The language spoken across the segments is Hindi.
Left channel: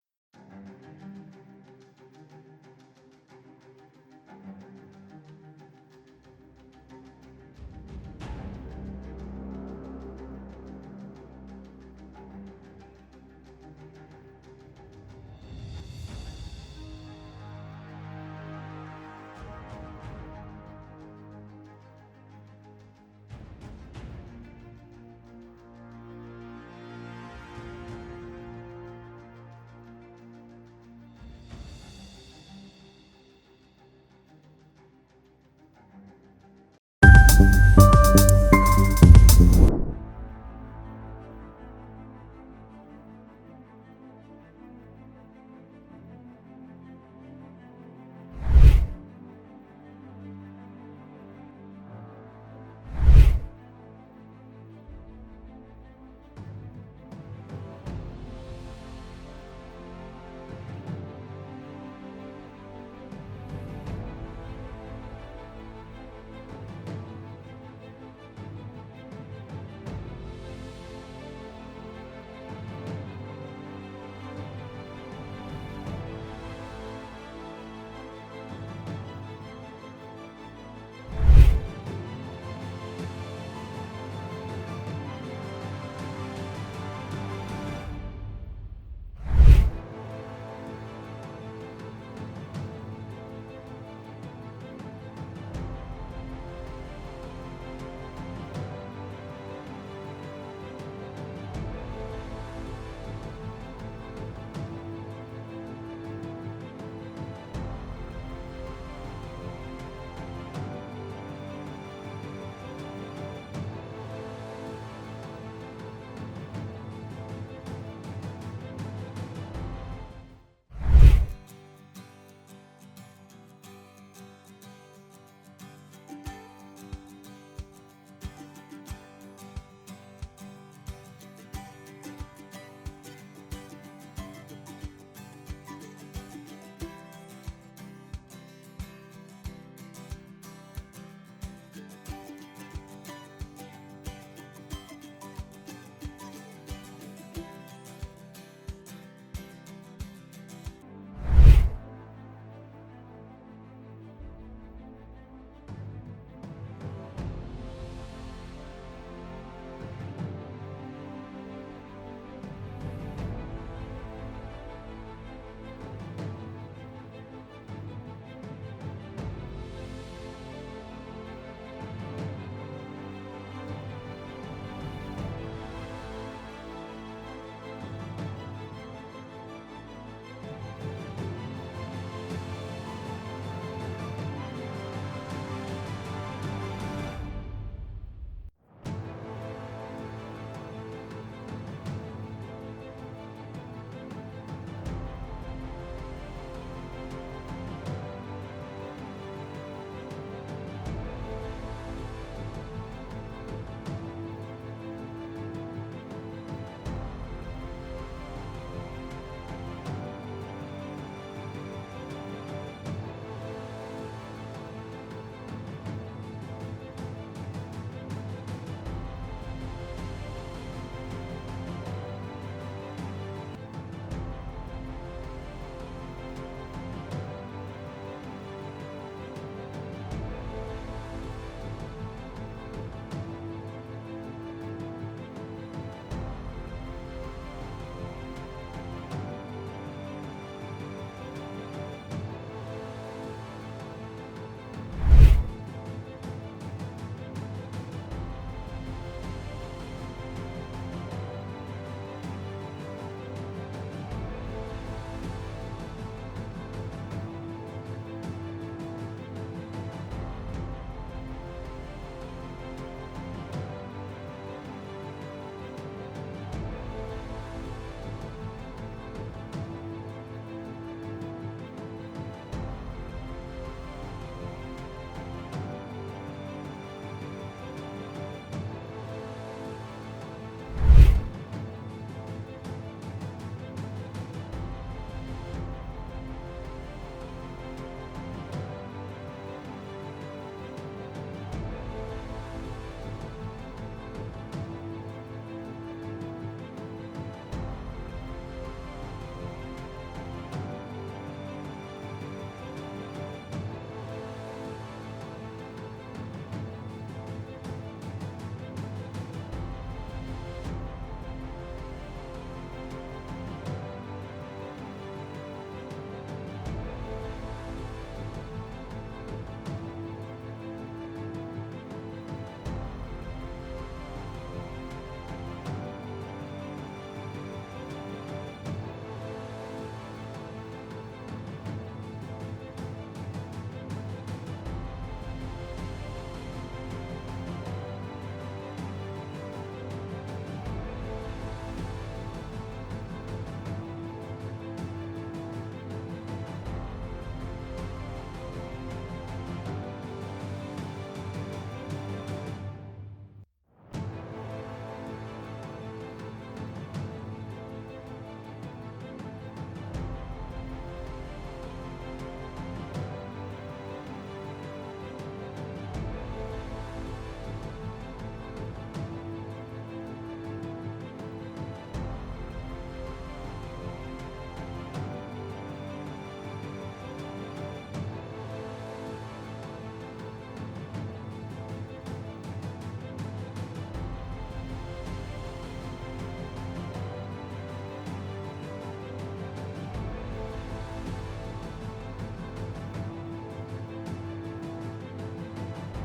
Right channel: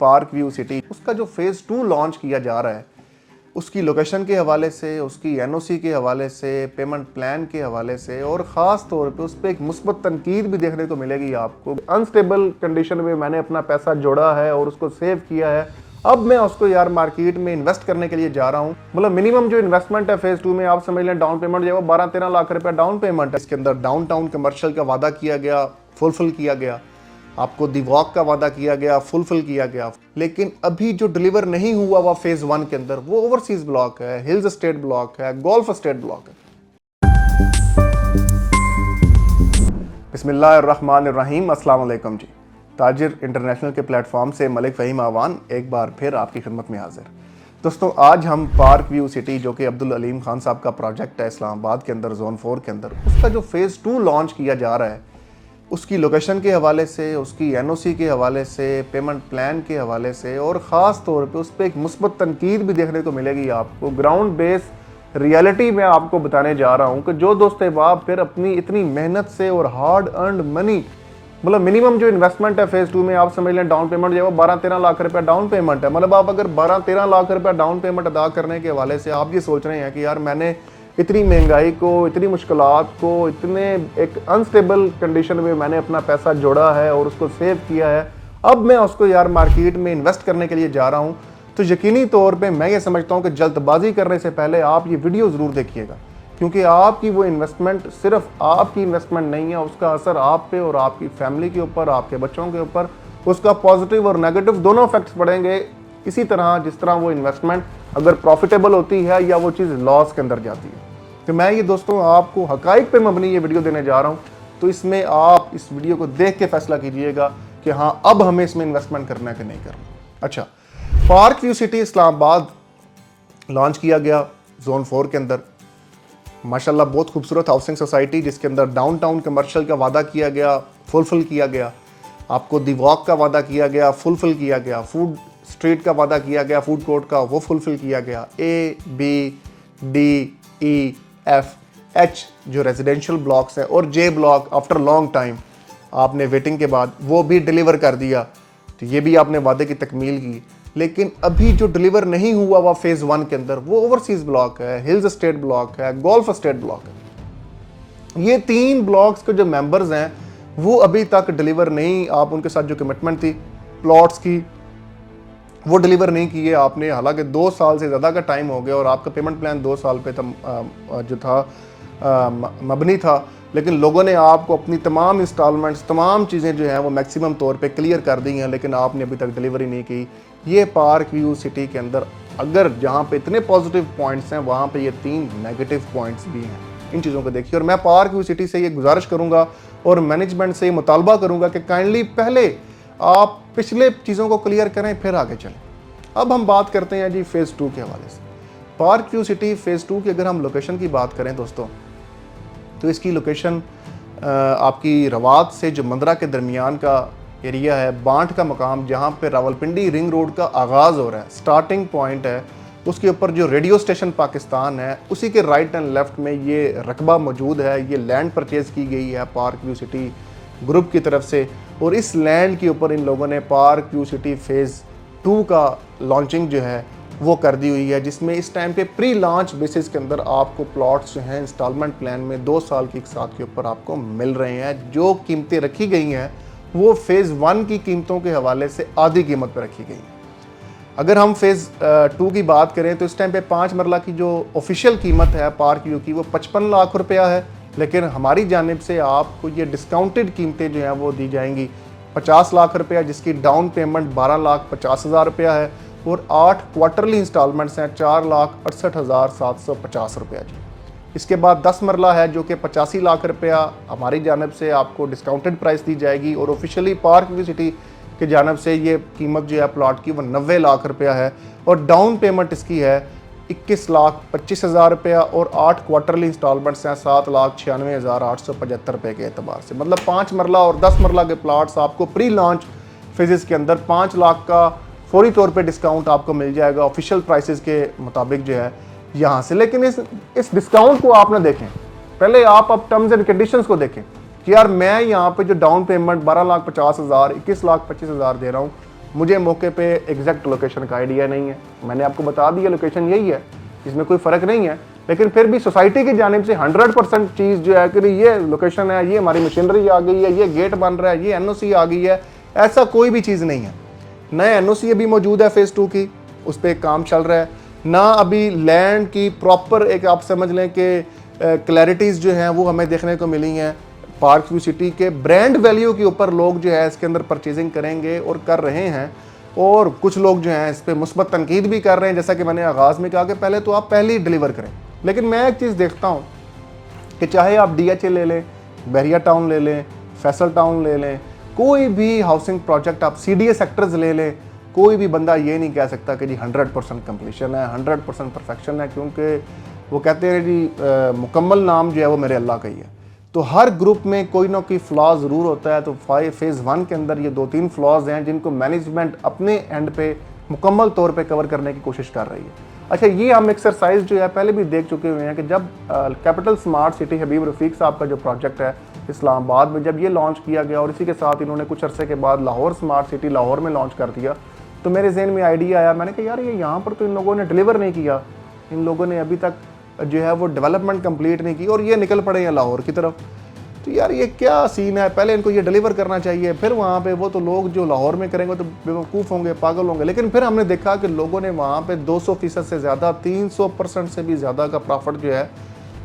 पार्क व्यू सिटी, उसका जो फेज़ 2 लॉन्च किया जा रहा है, उसकी लोकेशन के हवाले से, उसकी एनओसी के हवाले से, पेमेंट प्लान के हवाले से और ख़ास तौर पे उस पर एक मुस्बत तनकीद भी देखने को मिलेगी आपको। अनस्टेबल कंडीशन में मैंने अपना पैसा जोड़ा है और उसको सेव किया है, अब मैं उसको यार मार्केट में इन्वेस्ट करने के लिए जा रहा हूँ। मतलब मिनिमम जो इन्वेस्टमेंट है फेज़ 2 में, आप समझ लें डाउन पेमेंट जो है वो 12-13 लाख रुपया डाउन पेमेंट है। इसके अंदर डाउनटाउन कमर्शियल का वादा किया गया, फुलफिल किया गया। आपको दी वॉक का वादा किया गया, फुलफिल किया गया। लेकिन अभी जो डिलीवर नहीं हुआ हुआ फेज़ 1 के अंदर, वो ओवरसीज ब्लॉक है, हिल्स स्टेट ब्लॉक है, गोल्फ स्टेट ब्लॉक है। बिस्मिल्लाहिर्रहमानिर्रहीम, अस्सलाम वालेकुम जी। ताजिर इंटरनेशनल के प्लेटफॉर्म से मलिक फ़हीम आवान एक बार फिर आपकी खिदमत में हाजिर। दोस्तों, आज हम पार्क व्यू सिटी, जो कि अब्दुल अलीम खान साहब का प्रोजेक्ट है इस्लामाबाद के अंदर, जोन 4 के अंदर, उसका जो फेज़ 2 लॉन्च किया जा रहा है, उसकी लोकेशन के हवाले से, उसकी एनओसी के हवाले से, पेमेंट प्लान के हवाले से और ख़ास तौर पे उस पर एक मुस्बत तनकीद भी देखने को मिलेगी आपको। ग्राउंड बेस रियलिटी में आपको बताने जा रहा हूँ कि जो दोस्त अहबाब फिर अपनी इतनी मेहनत से और हार्ड अर्नड मनी, मतलब मिनिमम जो इन्वेस्टमेंट है फेज़ 2 में, आप समझ लें डाउन पेमेंट जो है वो 12-13 लाख रुपया डाउन पेमेंट है। मतलब आप अगर 12-13 लाख रुपया डाउन पेमेंट अदा करने के हवाले से आप ये सोच रहे हैं कि यार मैंने इतनी महंगाई को, इतनी मुश्किलात को, इतने एक अनस्टेबल कंडीशन में मैंने अपना पैसा जोड़ा है और उसको सेव किया है, अब मैं उसको यार मार्केट में इन्वेस्ट करने के लिए जा रहा हूँ, तो यकीनी तौर पे मैं ये समझता हूँ कि जल्दबाजी करने से पहले आप ये वीडियो ज़रूर देखिएगा, क्योंकि आपकी वो इन्वेस्टमेंट सिर्फ आपकी इन्वेस्टमेंट नहीं है, उसका असर आप पे और आपकी फैमिली के ऊपर, आपके बच्चों के ऊपर, उसका पॉजिटिव और नेगेटिव दोनों इफेक्ट्स पड़ेंगे। इसी तरह जिस तरह वो इन्वेस्टमेंट अगर प्रॉफिटेबल होती है या वो चीज़ लॉस के अंदर जाती है। तो मैं ये दोस्तों आपको हकाइक पे मबनी ये वीडियो देने जा रहा हूँ, तो इसमें आप इस वीडियो को देख के फैसला कीजिएगा कि हाँ अब हमें इसमें इन्वेस्टमेंट करना है कि नहीं करना। अच्छा, park view city Islamabad launch किया गया जोन 4 के अंदर। माशाल्लाह बहुत खूबसूरत हाउसिंग सोसाइटी, जिसके अंदर डाउनटाउन कमर्शियल का वादा किया गया, फुलफिल किया गया। आपको दी वॉक का वादा किया गया, फुलफिल किया गया। फूड स्ट्रीट का वादा किया गया, फूड कोर्ट का, वो फुलफिल किया गया। ABDEF H जो रेजिडेंशियल ब्लॉक्स हैं और J block after long time आपने वेटिंग के बाद वो भी डिलीवर कर दिया, तो ये भी आपने वादे की तकमील की। लेकिन अभी जो डिलीवर नहीं हुआ हुआ फेज़ 1 के अंदर, वो ओवरसीज ब्लॉक है, हिल्स स्टेट ब्लॉक है, गोल्फ स्टेट ब्लॉक है। ये 3 ब्लॉक्स के जो मेंबर्स हैं वो अभी तक डिलीवर नहीं, आप उनके साथ जो कमिटमेंट थी प्लॉट्स की वो डिलीवर नहीं किए आपने। हालांकि 2 साल से ज़्यादा का टाइम हो गया और आपका पेमेंट प्लान 2 साल पे जो था मबनी था, लेकिन लोगों ने आपको अपनी तमाम इंस्टॉलमेंट्स, तमाम चीज़ें जो हैं वो मैक्सिमम तौर पे क्लियर कर दी हैं, लेकिन आपने अभी तक डिलीवरी नहीं की। ये पार्क व्यू सिटी के अंदर अगर जहाँ पे इतने पॉजिटिव पॉइंट्स हैं, वहाँ पे ये 3 नेगेटिव पॉइंट्स भी हैं। इन चीज़ों को देखिए, और मैं पार्क व्यू सिटी से ये गुजारिश करूँगा और मैनेजमेंट से ये मुतालबा करूँगा कि काइंडली पहले आप पिछले चीज़ों को क्लियर करें, फिर आगे चलें। अब हम बात करते हैं जी फेज़ 2 के हवाले से। पार्क व्यू सिटी फेज़ 2 की अगर हम लोकेशन की बात करें दोस्तों, तो इसकी लोकेशन आपकी रवात से जो मंदरा के दरमियान का एरिया है, बांट का मकाम, जहाँ पे रावलपिंडी रिंग रोड का आगाज़ हो रहा है, स्टार्टिंग पॉइंट है, उसके ऊपर जो रेडियो स्टेशन पाकिस्तान है, उसी के राइट एंड लेफ्ट में ये रकबा मौजूद है। ये लैंड परचेज़ की गई है पार्क व्यू सिटी ग्रुप की तरफ से, और इस लैंड के ऊपर इन लोगों ने पार्क व्यू सिटी फेज़ 2 का लॉन्चिंग जो है वो कर दी हुई है, जिसमें इस टाइम पे प्री लॉन्च बेसिस के अंदर आपको प्लॉट्स जो हैं इंस्टॉलमेंट प्लान में 2 साल की साथ के ऊपर आपको मिल रहे हैं। जो कीमतें रखी गई हैं वो फेज़ 1 की कीमतों के हवाले से आधी कीमत पर रखी गई। अगर हम फेज़ 2 की बात करें तो इस टाइम पे 5 मरला की जो ऑफिशियल कीमत है पार्क व्यू की वो 55 लाख रुपया है, लेकिन हमारी जानिब से आपको ये डिस्काउंटेड कीमतें जो हैं वो दी जाएंगी 50 लाख रुपया, जिसकी डाउन पेमेंट 12,50,000 रुपया है और 8 क्वार्टरली इंस्टॉलमेंट्स हैं 4,68,750 रुपया जी। इसके बाद 10 मरला है जो कि 85 लाख रुपया हमारी जानिब से आपको डिस्काउंटेड प्राइस दी जाएगी, और ऑफिशियली पार्क व्यू सिटी की जानिब से ये कीमत जो है प्लॉट की वो 90 लाख रुपया है, और डाउन पेमेंट इसकी है 21,25,000 रुपया और 8 क्वार्टरली इंस्टॉलमेंट्स हैं 7,96,875 रुपये के एतबार से। मतलब 5 मरला और 10 मरला के प्लाट्स आपको प्री लॉन्च फेजेस के अंदर 5 लाख का फौरी तौर पे डिस्काउंट आपको मिल जाएगा ऑफिशियल प्राइसेस के मुताबिक जो है यहाँ से। लेकिन इस डिस्काउंट को आप ना देखें, पहले आप अब टर्म्स एंड कंडीशंस को देखें कि यार मैं यहाँ पे जो डाउन पेमेंट 12,50,000, 21,25,000 दे रहा हूँ, मुझे मौके पे एग्जैक्ट लोकेशन का आइडिया नहीं है, मैंने आपको बता दिया लोकेशन यही है, इसमें कोई फ़र्क नहीं है। लेकिन फिर भी सोसाइटी की जानिब से 100% चीज़ जो है कि ये लोकेशन है, ये हमारी मशीनरी आ गई है, ये गेट बन रहा है, ये एनओसी आ गई है, ऐसा कोई भी चीज़ नहीं है। नए एनओसी अभी मौजूद है फेज़ 2 की, उस पर काम चल रहा है ना। अभी लैंड की प्रॉपर एक आप समझ लें कि क्लैरिटीज़ जो हैं वो हमें देखने को मिली हैं। पार्क व्यू सिटी के ब्रांड वैल्यू के ऊपर लोग जो है इसके अंदर परचेजिंग करेंगे और कर रहे हैं, और कुछ लोग जो हैं इस पर मुस्बत तनकीद भी कर रहे हैं। जैसा कि मैंने आगाज़ में कहा कि पहले तो आप पहले ही डिलीवर करें। लेकिन मैं एक चीज़ देखता हूँ कि चाहे आप DHA ले लें, बहरिया टाउन ले लें, फैसल टाउन ले लें, कोई भी हाउसिंग प्रोजेक्ट आप CDA सेक्टर्स ले लें, कोई भी बंदा ये नहीं कह सकता कि जी 100% कंप्लीशन है, 100% परफेक्शन है, क्योंकि वो कहते हैं जी मुकम्मल नाम जो है वो मेरे अल्लाह का ही है। तो हर ग्रुप में कोई ना कोई फ्लॉ ज़रूर होता है। तो फेज़ 1 के अंदर ये 2-3 फ्लॉज हैं जिनको मैनेजमेंट अपने एंड पे मुकम्मल तौर पे कवर करने की कोशिश कर रही है। अच्छा, ये हम एक्सरसाइज जो है पहले भी देख चुके हुए हैं कि जब कैपिटल स्मार्ट सिटी हबीब रफ़ीक साहब का जो प्रोजेक्ट है इस्लामाबाद में, जब ये लॉन्च किया गया और इसी के साथ इन्होंने कुछ अरसे के बाद लाहौर स्मार्ट सिटी लाहौर में लॉन्च कर दिया, तो मेरे जहन में आइडिया आया। मैंने कहा यार ये यहाँ पर तो इन लोगों ने डिलीवर नहीं किया, इन लोगों ने अभी तक जो है वो डेवलपमेंट कंप्लीट नहीं की और ये निकल पड़े हैं लाहौर की तरफ। तो यार ये क्या सीन है, पहले इनको ये डिलीवर करना चाहिए, फिर वहाँ पे वो तो लोग जो लाहौर में करेंगे तो बेवकूफ़ होंगे, पागल होंगे। लेकिन फिर हमने देखा कि लोगों ने वहाँ पे 200% से ज़्यादा, 300% से भी ज़्यादा का प्रॉफिट जो है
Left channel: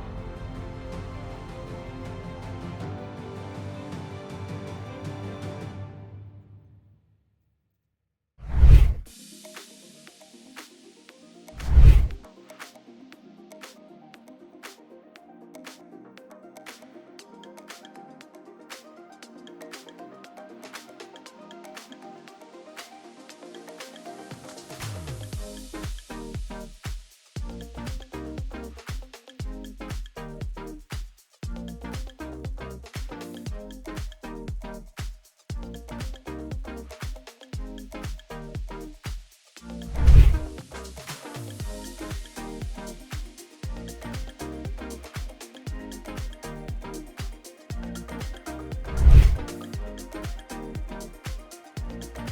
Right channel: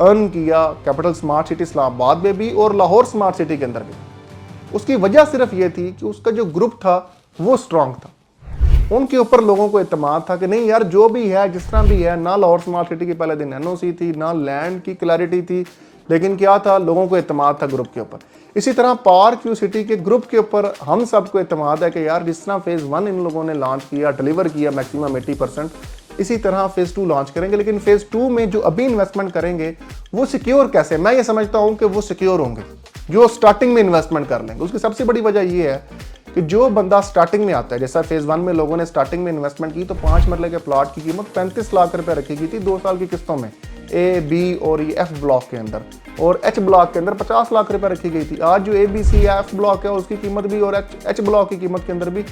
अर्न किया कैपिटल स्मार्ट सिटी इस्लामाबाद में भी और लाहौर स्मार्ट सिटी के अंदर भी। उसकी वजह सिर्फ ये थी कि उसका जो ग्रुप था वो स्ट्रॉन्ग था, उनके ऊपर लोगों को इत्मीनाद था कि नहीं यार जो भी है जिस तरह भी है, ना लाहौर स्मार्ट सिटी की पहले दिन एनओसी थी, ना लैंड की क्लैरिटी थी, लेकिन क्या था, लोगों को इत्मीनाद था ग्रुप के ऊपर। इसी तरह पार्क व्यू सिटी के ग्रुप के ऊपर हम सबको इत्मीनाद है कि यार जिस तरह फेज़ 1 इन लोगों ने लॉन्च किया, डिलीवर किया मैक्सिमम 80%, इसी तरह फेज़ 2 लॉन्च करेंगे। लेकिन फेज़ 2 में जो अभी इन्वेस्टमेंट करेंगे वो सिक्योर कैसे? मैं ये समझता हूँ कि वो सिक्योर होंगे जो स्टार्टिंग में इन्वेस्टमेंट कर लेंगे। उसकी सबसे बड़ी वजह ये है कि जो बंदा स्टार्टिंग में आता है, जैसा फेज़ 1 में लोगों ने स्टार्टिंग में इन्वेस्टमेंट की तो 5 मरले के प्लॉट की कीमत 35 लाख रुपए रखी गई थी 2 साल की किस्तों में, A, B और F ब्लॉक के अंदर, और H ब्लॉक के अंदर 50 लाख रुपए रखी गई थी। आज जो A, B, C, F block है उसकी कीमत भी और H ब्लॉक की कीमत के अंदर भी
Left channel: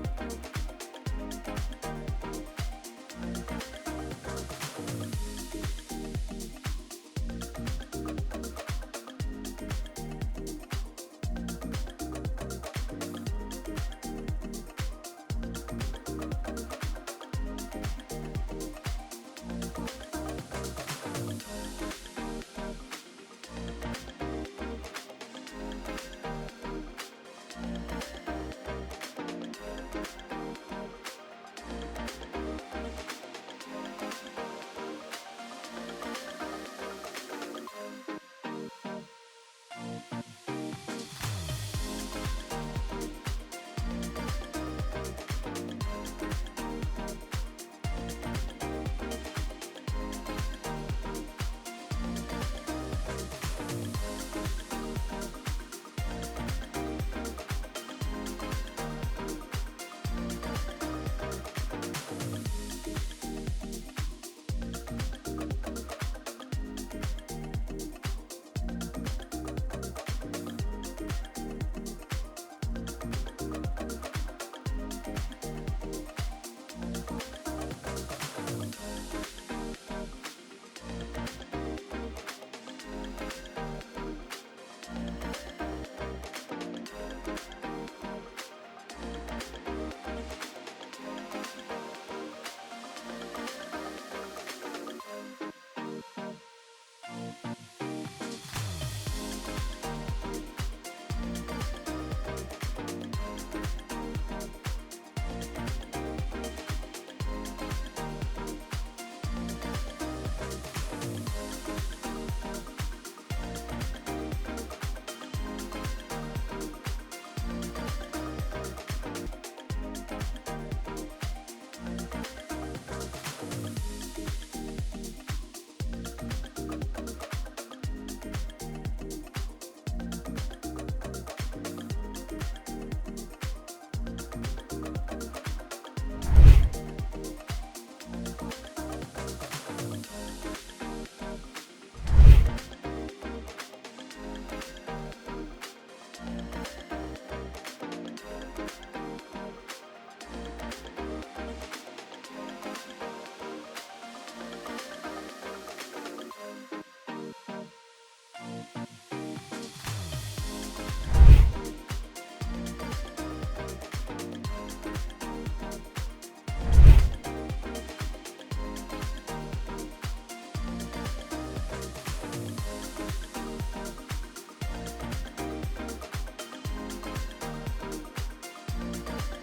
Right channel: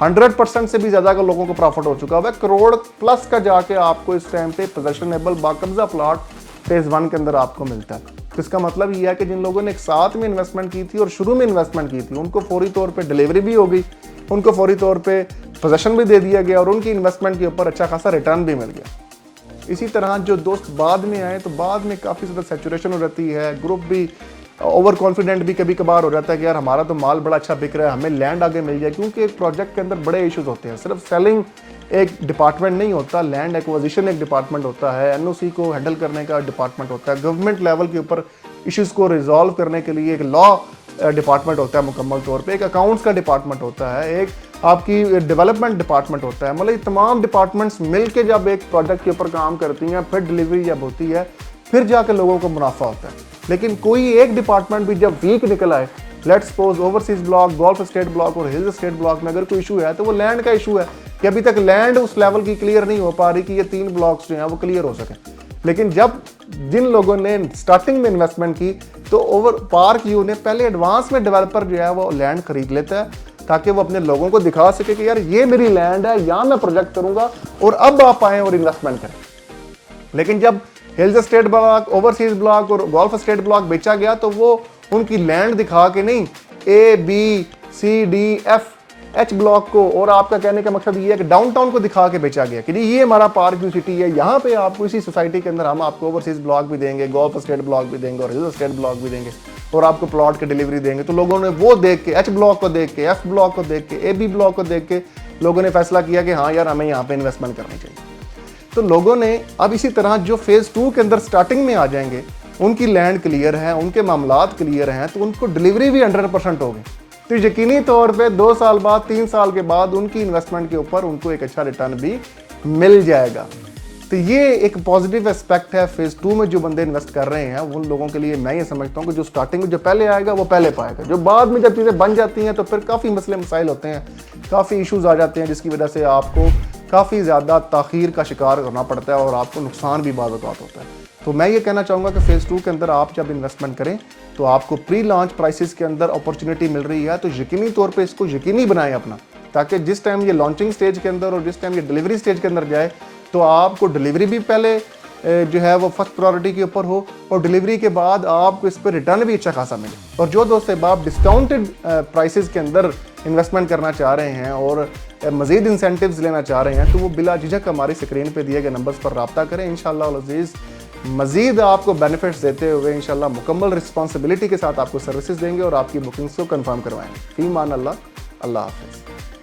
100% से भी ज़्यादा का लोगों को प्रॉफिट हो चुका है। करोड़ प्लस का जाके आपको इस टाइम पे पोजेशनेबल बाकब्जा प्लॉट फेज़ 1 के अंदर आपको मिलता है। तो इसका मतलब ये है कि जिन लोगों ने एक साथ में इन्वेस्टमेंट की थी और शुरू में इन्वेस्टमेंट की थी, उनको फौरी तौर पे डिलीवरी भी हो गई, उनको फौरी तौर पे पोजेशन भी दे दिया गया और उनकी इन्वेस्टमेंट के ऊपर अच्छा खासा रिटर्न भी मिल गया। इसी तरह जो दोस्त बाद में आए तो बाद में काफ़ी ज़्यादा सैचुरेशन हो जाती है, ग्रुप भी ओवर कॉन्फिडेंट भी कभी कभार हो जाता है कि यार हमारा तो माल बड़ा अच्छा बिक रहा है, हमें लैंड आगे मिल जाए, क्योंकि एक प्रोजेक्ट के अंदर बड़े इश्यूज होते हैं। सिर्फ सेलिंग एक डिपार्टमेंट नहीं होता, लैंड एक्विजिशन एक डिपार्टमेंट होता है, एनओसी को हैंडल करने का डिपार्टमेंट होता है, गवर्नमेंट लेवल के ऊपर इश्यूज़ को रिजॉल्व करने के लिए एक लॉ डिपार्टमेंट होता है मुकम्मल तौर पे, एक अकाउंट्स का डिपार्टमेंट होता है, एक आपकी डेवलपमेंट डिपार्टमेंट होता है। मतलब ये तमाम डिपार्टमेंट्स मिलके जब एक प्रोजेक्ट के ऊपर काम करती हैं, फिर डिलीवरी जब होती है, फिर जाकर लोगों को मुनाफा होता है। लेकिन कोई एक डिपार्टमेंट भी जब वीक निकल आए, let's suppose overseas block, golf state block और हिल्स स्टेट ब्लॉक में अगर कोई इशू है तो वो लैंड का इशू है कि अभी तक लैंड उस लेवल की क्लियर नहीं हो पा रही कि ये 3 ब्लॉक्स जो हैं वो क्लियर हो सके। लेकिन जब जिन लोगों ने स्टार्टिंग में इन्वेस्टमेंट की तो ओवर पार्क व्यू ने पहले एडवांस में डेवलपर जो है वो लैंड खरीद लेता है ताकि वो अपने लोगों को दिखा सके कि यार ये मेरी लैंड है, यहाँ मैं प्रोजेक्ट करूंगा और अब आप आएँ और इन्वेस्टमेंट करें। लेकिन जब hills state block, overseas block और गोल्फ स्टेट ब्लॉक बेचा गया तो वो उनकी लैंड दिखा के नहीं, A, B, C, D, F, H block को, और आपका कहने का मकसद ये है कि डाउनटाउन को दिखा के बेचा गया कि जी ये हमारा पार्क व्यू सिटी है, यहाँ पे आपको इसी सोसाइटी के अंदर हम आपको ओवरसीज ब्लॉक भी देंगे, गोल्फ स्टेट ब्लॉक भी देंगे और हिल्स स्टेट ब्लॉक भी देंगे और आपको प्लॉट की डिलीवरी देंगे। तो लोगों ने वो देख के, H ब्लॉक को देख के, F ब्लॉक को देख के, A, B ब्लॉक को देख के लोगों ने फैसला किया कि हाँ यार हमें यहाँ पे इन्वेस्टमेंट करनी चाहिए। तो लोगों ने अब इसी तरह जो फेज़ 2 के अंदर स्टार्टिंग में आ जाएंगे, उनकी लैंड क्लियर है, उनके मामलात क्लियर हैं, तो उनको डिलीवरी भी 100% होगी। तो यकीनी तौर पे 2 साल बाद, 3 साल के बाद उनकी इन्वेस्टमेंट के ऊपर उनको एक अच्छा रिटर्न भी मिल जाएगा। तो ये एक पॉजिटिव एस्पेक्ट है फेज़ 2 में जो बंदे इन्वेस्ट कर रहे हैं उन लोगों के लिए। मैं ये समझता हूँ कि जो स्टार्टिंग में जो पहले आएगा वो पहले पाएगा, जो बाद में जब चीज़ें बन जाती हैं तो फिर काफ़ी मसले मसाइल होते हैं, काफ़ी इशूज़ आ जाते हैं जिसकी वजह से आपको काफ़ी ज़्यादा ताख़ीर का शिकार करना पड़ता है और आपको नुकसान भी बाद होता है। तो मैं ये कहना चाहूँगा कि फेज़ 2 के अंदर आप जब इन्वेस्टमेंट करें तो आपको प्री लॉन्च प्राइसेस के अंदर अपॉर्चुनिटी मिल रही है, तो यकीनी तौर पे इसको यकीनी बनाएं अपना ताकि जिस टाइम ये लॉन्चिंग स्टेज के अंदर और जिस टाइम ये डिलीवरी स्टेज के अंदर जाए तो आपको डिलीवरी भी पहले जो है वो फर्स्ट प्रायोरिटी के ऊपर हो और डिलीवरी के बाद आपको इस पर रिटर्न भी अच्छा खासा मिले। और जो दोस्त आप डिस्काउंटेड प्राइसेस के अंदर इन्वेस्टमेंट करना चाह रहे हैं और मज़ीद इंसेंटिव्स लेना चाह रहे हैं तो वो बिला झिझक हमारी स्क्रीन पे दिए गए नंबर्स पर रब्ता करें। इंशाअल्लाह अज़ीज़ मज़ीद आपको बेनिफिट्स देते हुए इंशाअल्लाह मुकम्मल रिस्पॉन्सिबिलिटी के साथ आपको सर्विसेज देंगे और आपकी बुकिंग्स को कंफर्म करवाएंगे। फ़ी मान अल्लाह, अल्लाह हाफ़िज़।